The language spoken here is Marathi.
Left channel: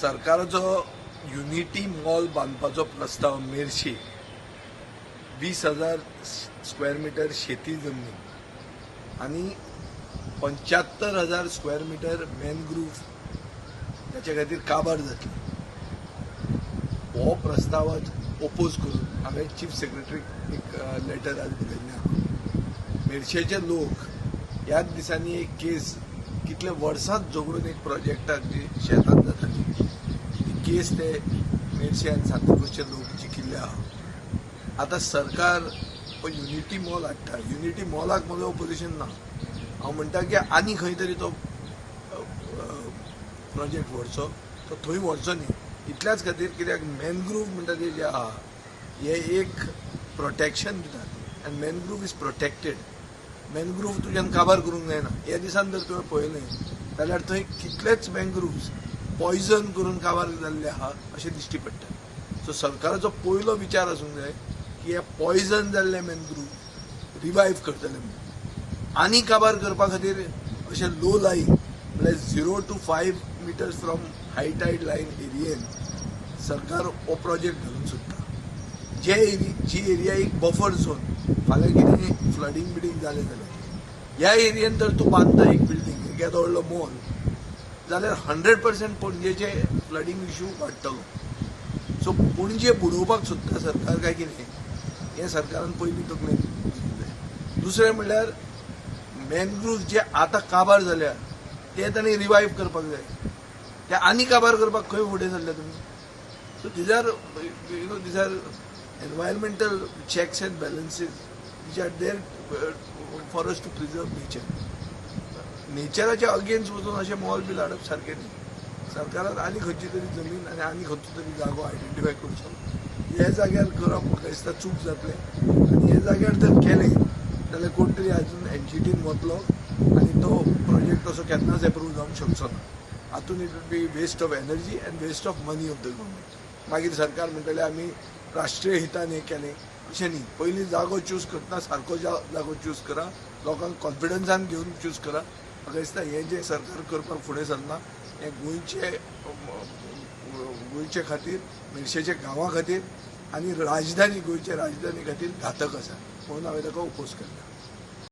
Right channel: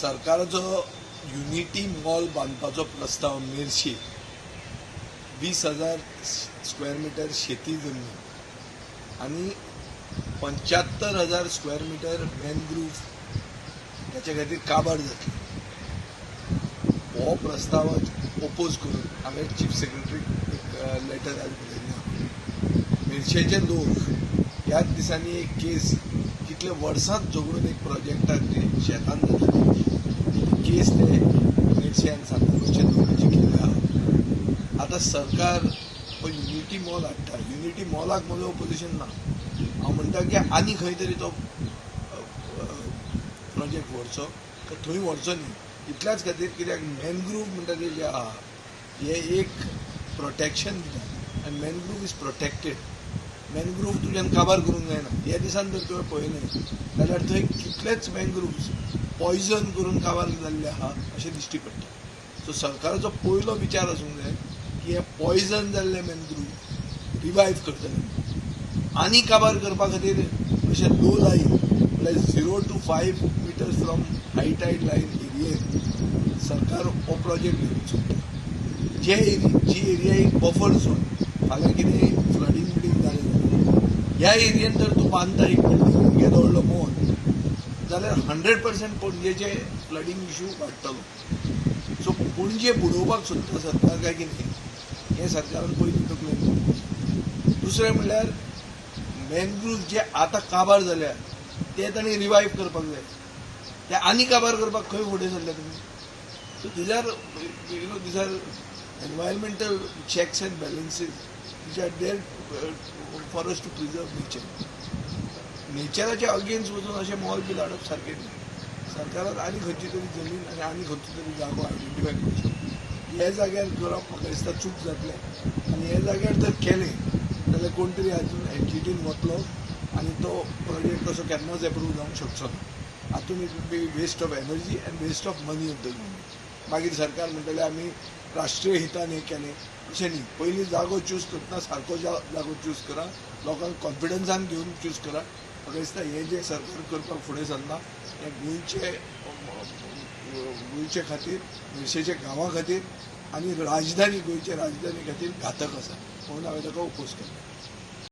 सरकाराचो युनिटी मॉल बांदपाचो प्रस्ताव मेर्शे 20,000 स्क्वेअर मीटर शेती जमनी आणि 75,000 स्क्वेअर मीटर मॅनग्रुव्ह त्याच्या खातीर काबार जातली. हो प्रस्ताव ओपोज करून हांवें चीफ सेक्रेटरीक एक लेटर आज बरयल्लें आहा. मेर्शेचे लोक ह्याच दिसांनी एक केस कितले वर्सांत झगडून एक प्रोजेक्टाक जी शेतान जाताली ती केस ते मेर्शे आनी सांताक्रूजचे लोक जिखिल्ले आहा. आता सरकार हो युनिटी मॉल हाडटा. युनिटी मॉलाक म्हजो ओपोजिशन ना. हांव म्हणटा की आनी खंय तरी तो प्रोजेक्ट व्हरचो, तो थंय व्हरचो न्ही. इतल्याच खातीर कित्याक मॅनग्रुव्ह म्हणटा ते जे आहा हे एक प्रोटेक्शन दितात आनी मॅनग्रुव्ह इज प्रोटेक्टेड. मॅनग्रुव्ह तुज्यान काबार करूंक जायना. ह्या दिसान जर तुवें पळयलें जाल्यार थंय कितलेच मॅनग्रुव्ज पॉयझन करून काबार जाल्ले आहा अशें दिश्टी पडटा. सो सरकाराचो पयलो विचार आसूंक जाय की हे पॉयझन जाल्ले मॅनग्रुव्ह रिवायव करतले आनी काबार करपा खातीर अशें लो लायन म्हळ्यार 0 to 5 meters from high tide line एरियेन सरकार हो प्रोजेक्ट धरून सोदता. जी एरिया एक बफर झोन, फाल्यां कितें फ्लडींग बिडींग जालें जाल्यार ह्या एरियेन जर तूं बांदता एक बिल्डींग येदो व्हडलो मॉल जाल्यार 100% पणजेचे फ्लडींग इश्यू वाडटलो. सो पणजे बुडोवपाक सोदता सरकार काय कितें हें सरकारान पयलीं तकलेंत. दुसरें म्हणल्यार मॅनग्रुव्ज जे आतां काबार जाल्या ते तांणी रिवायव करपाक जाय. ते आनी काबार करपाक खंय फुडें सरल्या तुमी. So these are environmental checks and balances which are there for us to preserve nature. नेचराच्या अगेन्स्ट वचून अशें मॉल बी हाडप सारकें न्ही. सरकारान आनी खंयची तरी जमीन आनी आनी खंयचो तरी जागो आयडेंटिफाय करचो. हे जाग्यार करप म्हाका दिसता चूक जातलें. आनी हे जाग्यार जर केलें जाल्यार कोण तरी आजून एनजीटीन वतलो आनी तो प्रोजेक्ट तसो केन्नाच एप्रूव जावंक शकचो ना. हातून it will be waste of energy and waste of money of the government. मागीर सरकार म्हणटले आमी राष्ट्रीय हितान हें केलें अशें न्ही. पयलीं जागो चूज करतना सारको जागो चूज करा, लोकांक कॉन्फिडन्सान घेवन चूज करा. म्हाका दिसता हें जें सरकार करपाक फुडें सरना हें गोंयचे खातीर, मेर्शेच्या गांवां खातीर आनी राजधानी गोंयचे राजधानी खातीर घातक आसा. म्हणून हांवें ताका ओपोज केला.